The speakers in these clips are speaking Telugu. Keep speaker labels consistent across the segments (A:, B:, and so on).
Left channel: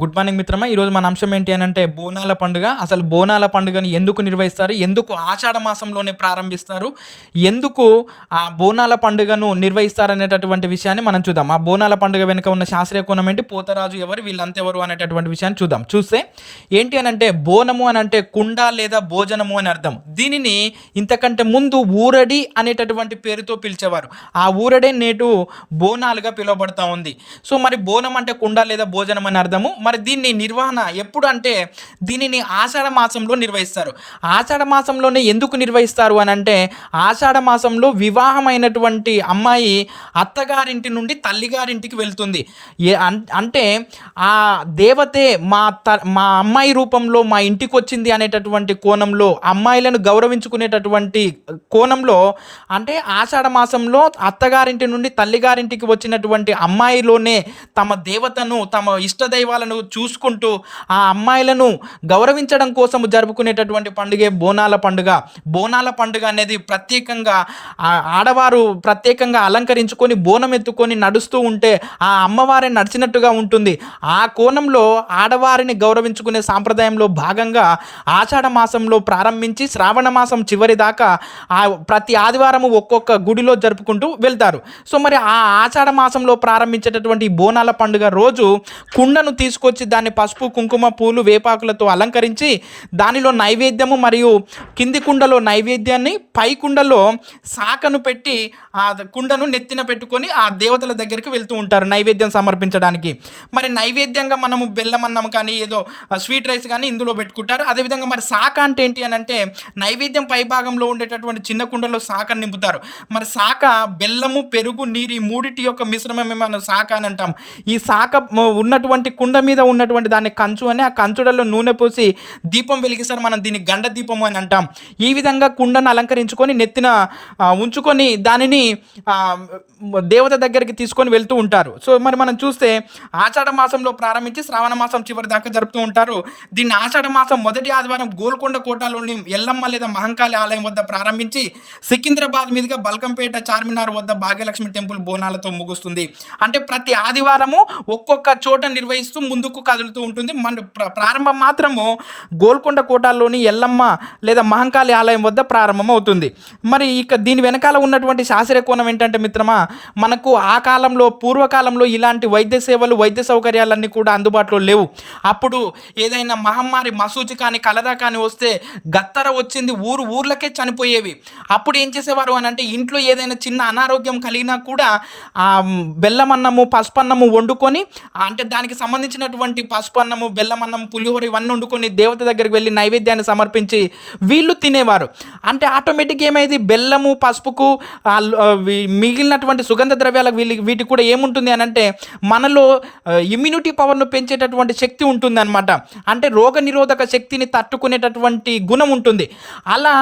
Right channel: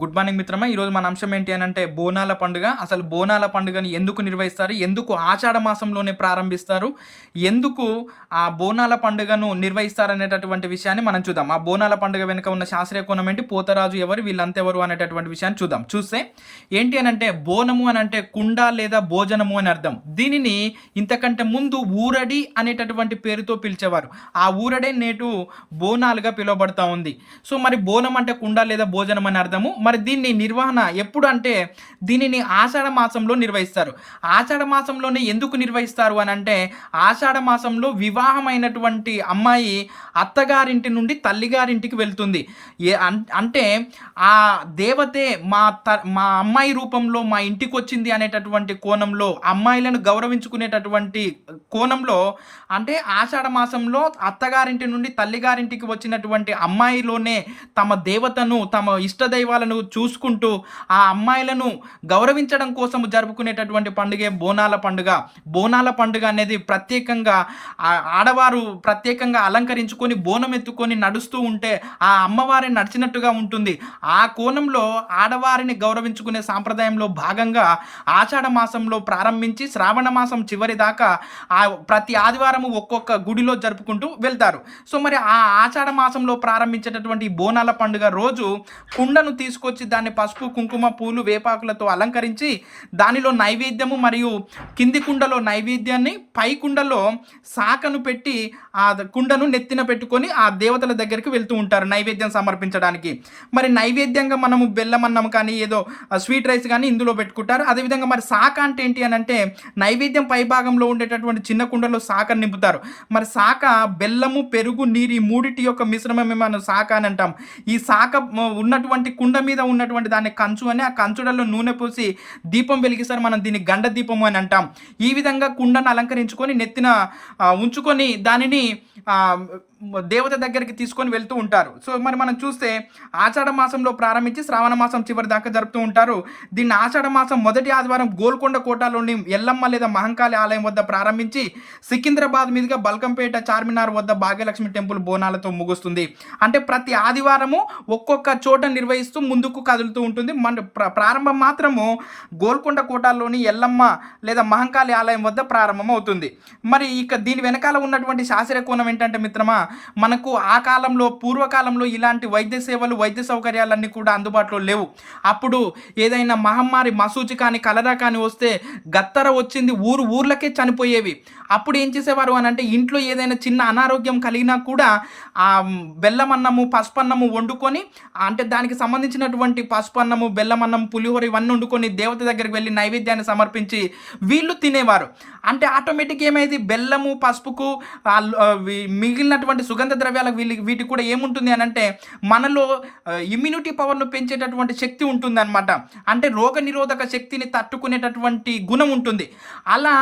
A: గుడ్ మార్నింగ్ మిత్రమా. ఈరోజు మన అంశం ఏంటి అని అంటే బోనాల పండుగ. అసలు బోనాల పండుగని ఎందుకు నిర్వహిస్తారు? ఎందుకు ఆషాఢ మాసంలోనే ప్రారంభిస్తారు? ఎందుకు ఆ బోనాల పండుగను నిర్వహిస్తారు అనేటటువంటి విషయాన్ని మనం చూద్దాం. ఆ బోనాల పండుగ వెనుక ఉన్న శాస్త్రీయ కోణం ఏంటి? పోతరాజు ఎవరు? వీళ్ళంతెవరు అనేటటువంటి విషయాన్ని చూద్దాం. చూస్తే ఏంటి అని అంటే బోనము అని అంటే కుండ లేదా భోజనము అని అర్థం. దీనిని ఇంతకంటే ముందు ఊరడి అనేటటువంటి పేరుతో పిలిచేవారు. ఆ ఊరడే నేటు బోనాలుగా పిలువబడతా ఉంది. సో మరి బోనం అంటే కుండ లేదా భోజనం అని అర్థము. మరి దీన్ని నిర్వహణ ఎప్పుడు అంటే దీనిని ఆషాఢ మాసంలో నిర్వహిస్తారు. ఆషాఢ మాసంలోనే ఎందుకు నిర్వహిస్తారు అని అంటే ఆషాఢ మాసంలో వివాహమైనటువంటి అమ్మాయి అత్తగారింటి నుండి తల్లిగారింటికి వెళ్తుంది. ఏ అంటే ఆ దేవతే మా త మా అమ్మాయి రూపంలో మా ఇంటికి వచ్చింది అనేటటువంటి కోణంలో అమ్మాయిలను గౌరవించుకునేటటువంటి కోణంలో అంటే ఆషాఢ మాసంలో అత్తగారింటి నుండి తల్లిగారింటికి వచ్చినటువంటి అమ్మాయిలోనే తమ దేవతను తమ ఇష్టదైవాలను చూసుకుంటూ ఆ అమ్మాయిలను గౌరవించడం కోసం జరుపుకునేటటువంటి పండుగే బోనాల పండుగ. బోనాల పండుగ అనేది ప్రత్యేకంగా ఆడవారు ప్రత్యేకంగా అలంకరించుకొని బోనం ఎత్తుకొని నడుస్తూ ఉంటే ఆ అమ్మవారే నడిచినట్టుగా ఉంటుంది. ఆ కోణంలో ఆడవారిని గౌరవించుకునే సాంప్రదాయంలో భాగంగా ఆషాఢ మాసంలో ప్రారంభించి శ్రావణ మాసం చివరి దాకా ఆ ప్రతి ఆదివారం ఒక్కొక్క గుడిలో జరుపుకుంటూ వెళ్తారు. సో మరి ఆ ఆషాఢ మాసంలో ప్రారంభించేటటువంటి బోనాల పండుగ రోజు కుండను తీసుకొచ్చి దాన్ని పసుపు కుంకుమ పూలు వేపాకులతో అలంకరించి దానిలో నైవేద్యము మరియు కింది కుండలో నైవేద్యాన్ని పై కుండలో సాకను పెట్టి ఆ కుండను నెత్తిన పెట్టుకొని ఆ దేవతల దగ్గరికి వెళ్తూ ఉంటారు నైవేద్యం సమర్పించడానికి. మరి నైవేద్యంగా మనము బెల్లం అన్నం కానీ ఏదో స్వీట్ రైస్ కానీ ఇందులో పెట్టుకుంటారు. అదేవిధంగా మరి శాఖ అంటే ఏంటి అని అంటే నైవేద్యం పై భాగంలో ఉండేటటువంటి చిన్న కుండలో సాకను నింపుతారు. మరి సాక బెల్లము పెరుగు నీరు ఈ మూడిటి యొక్క మిశ్రమమే మనం సాక అని అంటాం. ఈ సాక ఉన్నటువంటి కుండ మీద మీద ఉన్నటువంటి దాన్ని కంచు అని ఆ కంచుడల్లో నూనె పోసి దీపం వెలిగిస్తారు. మనం దీన్ని గండ దీపము అని అంటాం. ఈ విధంగా కుండను అలంకరించుకొని నెత్తిన ఉంచుకొని దానిని దేవత దగ్గరికి తీసుకొని వెళ్తూ ఉంటారు. సో మరి మనం చూస్తే ఆషాఢ మాసంలో ప్రారంభించి శ్రావణ మాసం చివరి దాకా జరుపుతూ ఉంటారు. దీన్ని ఆషాఢ మాసం మొదటి ఆదివారం గోల్కొండ కోటలోని ఎల్లమ్మ లేదా మహంకాళి ఆలయం వద్ద ప్రారంభించి సికింద్రాబాద్ మీదుగా బల్కంపేట చార్మినార్ వద్ద భాగ్యలక్ష్మి టెంపుల్ బోనాలతో ముగుస్తుంది. అంటే ప్రతి ఆదివారము ఒక్కొక్క చోట నిర్వహిస్తూ ముందుకు కదులుతూ ఉంటుంది. మన ప్ర- ప్రారంభం మాత్రము గోల్కొండ కోటలోని ఎల్లమ్మ లేదా మహంకాళి ఆలయం వద్ద ప్రారంభం అవుతుంది. మరి ఇక దీని వెనకాల ఉన్నటువంటి శాస్త్రీయ కోణం ఏంటంటే మిత్రమా మనకు ఆ కాలంలో పూర్వకాలంలో ఇలాంటి వైద్య సేవలు వైద్య సౌకర్యాలన్నీ కూడా అందుబాటులో లేవు. అప్పుడు ఏదైనా మహమ్మారి మసూచి కానీ కలరా కానీ వస్తే గత్తర వచ్చింది ఊరు ఊర్లకే చనిపోయేవి. అప్పుడు ఏం చేసేవారు అని అంటే ఇంట్లో ఏదైనా చిన్న అనారోగ్యం కలిగినా కూడా బెల్లమన్నము బెల్లం అన్నము పసుపు అన్నము వండుకొని అంటే దానికి సంబంధించిన పసుపు అన్నము బెల్లం అన్నం పులిహోర ఇవన్నీ వండుకొని దేవత దగ్గరికి వెళ్ళి నైవేద్యాన్ని సమర్పించి వీళ్ళు తినేవారు. అంటే ఆటోమేటిక్ ఏమైంది? బెల్లము పసుపుకు మిగిలినటువంటి సుగంధ ద్రవ్యాల వీళ్ళకి వీటికి కూడా ఏముంటుంది అని అంటే మనలో ఇమ్యూనిటీ పవర్ను పెంచేటటువంటి శక్తి ఉంటుంది అనమాట అంటే రోగ నిరోధక శక్తిని తట్టుకునేటటువంటి గుణం ఉంటుంది. అలా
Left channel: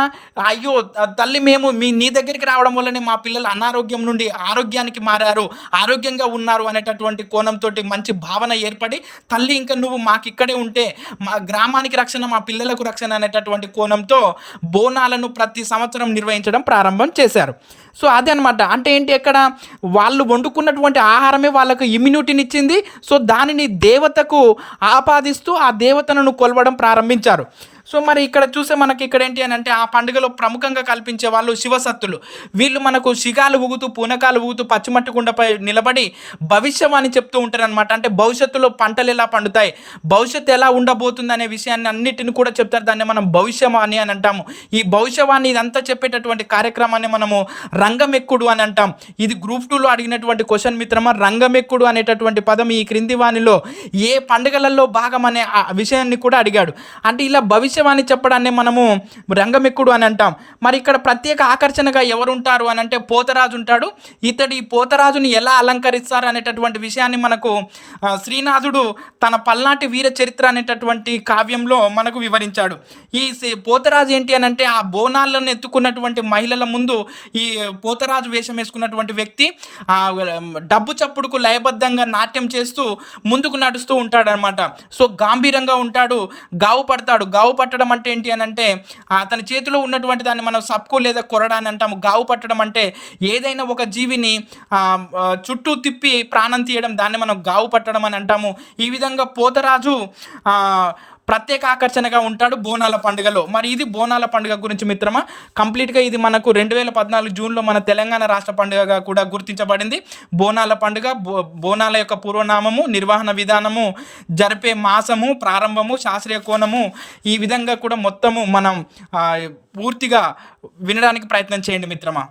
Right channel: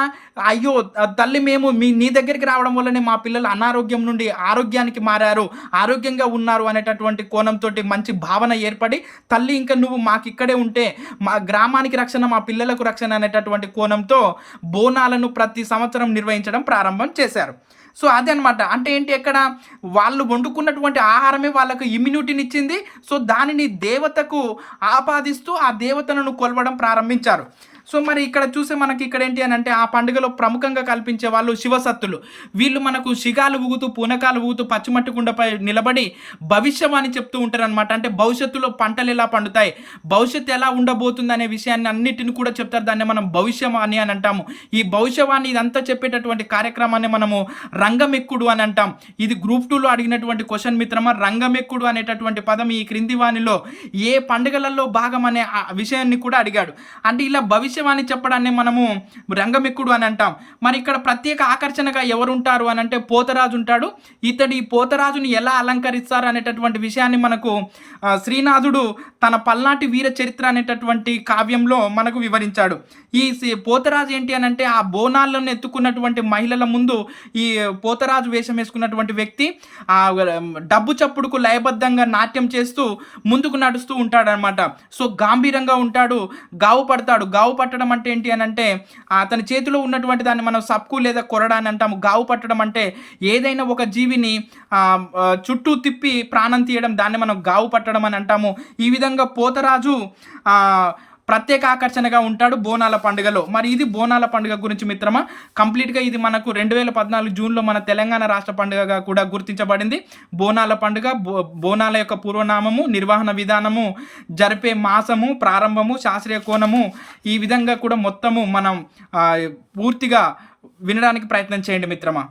A: అయ్యో తల్లి మేము మీ నీ దగ్గరికి రావడం వల్లనే మా పిల్లలు అనారోగ్యం నుండి ఆరోగ్యానికి మారారు ఆరోగ్యంగా ఉన్నారు అనేటటువంటి కోణంతో మంచి భావన ఏర్పడి తల్లి ఇంకా నువ్వు మాకు ఇక్కడే ఉంటే మా గ్రామానికి రక్షణ మా పిల్లలకు రక్షణ అనేటటువంటి కోణంతో బోనాలను ప్రతి సంవత్సరం నిర్వహించడం ప్రారంభం చేశారు. సో అదే అనమాట అంటే ఏంటి ఎక్కడ? వాళ్ళు వండుకున్నటువంటి ఆహారమే వాళ్ళకు ఇమ్యూనిటీని ఇచ్చింది సో దానిని దేవతకు ఆపాదిస్తూ ఆ దేవతలను కొలవడం ప్రారంభించారు. సో మరి ఇక్కడ చూస్తే మనకి ఇక్కడ ఏంటి అని అంటే ఆ పండుగలో ప్రముఖంగా కల్పించే వాళ్ళు శివసత్తులు. వీళ్ళు మనకు శిగాలు ఊగుతూ పూనకాలు ఊగుతూ పచ్చిమట్టు కుండపై నిలబడి భవిష్యవాణి చెప్తూ ఉంటారు అనమాట అంటే భవిష్యత్తులో పంటలు ఎలా పండుతాయి భవిష్యత్తు ఎలా ఉండబోతుంది అనే విషయాన్ని అన్నిటిని కూడా చెప్తారు. దాన్ని మనం భవిష్యవాణి అని అంటాము. ఈ భవిష్యవాణి ఇదంతా చెప్పేటటువంటి కార్యక్రమాన్ని మనము రంగమెక్కుడు అని అంటాం. ఇది గ్రూప్ టూలో అడిగినటువంటి క్వశ్చన్ మిత్రమా రంగమెక్కుడు అనేటటువంటి పదం ఈ క్రింది వాణిలో ఏ పండుగలలో భాగం అనే విషయాన్ని కూడా అడిగాడు. అంటే ఇలా భవిష్యవాణి చెప్పడాన్ని మనము రంగమెక్కుడు అని అంటాం. మరి ఇక్కడ ప్రత్యేక ఆకర్షణగా ఎవరుంటారు అని అంటే పోతరాజు ఉంటాడు. ఇతడు ఈ పోతరాజుని ఎలా అలంకరిస్తారు అనేటటువంటి విషయాన్ని మనకు శ్రీనాథుడు తన పల్నాటి వీర చరిత్ర అనేటటువంటి కావ్యంలో మనకు వివరించాడు. ఈ పోతరాజు ఏంటి అని అంటే ఆ బోనాలను ఎత్తుకున్నటువంటి మహిళల ముందు ఈ పోతరాజు వేషం వేసుకున్నటువంటి వ్యక్తి ఆ డబ్బు చప్పుడుకు లయబద్ధంగా నాట్యం చేస్తూ ముందుకు నడుస్తూ ఉంటాడనమాట సో గాంభీరంగా ఉంటాడు గావు పడతాడు గావు పట్టడం అంటే ఏంటి అని అంటే అతని చేతిలో ఉన్నటువంటి దాన్ని మనం సప్కు లేదా కొరడా అని అంటాము. గావు పట్టడం అంటే ఏదైనా ఒక జీవిని చుట్టూ తిప్పి ప్రాణం తీయడం దాన్ని మనం గావు పట్టడం అని అంటాము. ఈ విధంగా పోతరాజు ప్రత్యేక ఆకర్షణగా ఉంటాడు బోనాల పండుగలో. మరి ఇది బోనాల పండుగ గురించి మిత్రమా? కంప్లీట్గా ఇది మనకు రెండు వేల పద్నాలుగు జూన్లో మన తెలంగాణ రాష్ట్ర పండుగగా కూడా గుర్తించబడింది. బోనాల పండుగ బో బోనాల యొక్క పూర్వనామము నిర్వహణ విధానము జరిపే మాసము ప్రారంభము శాస్త్రీయ కోణము ఈ విధంగా కూడా మొత్తము మనం పూర్తిగా వినడానికి ప్రయత్నం చేయండి మిత్రమా?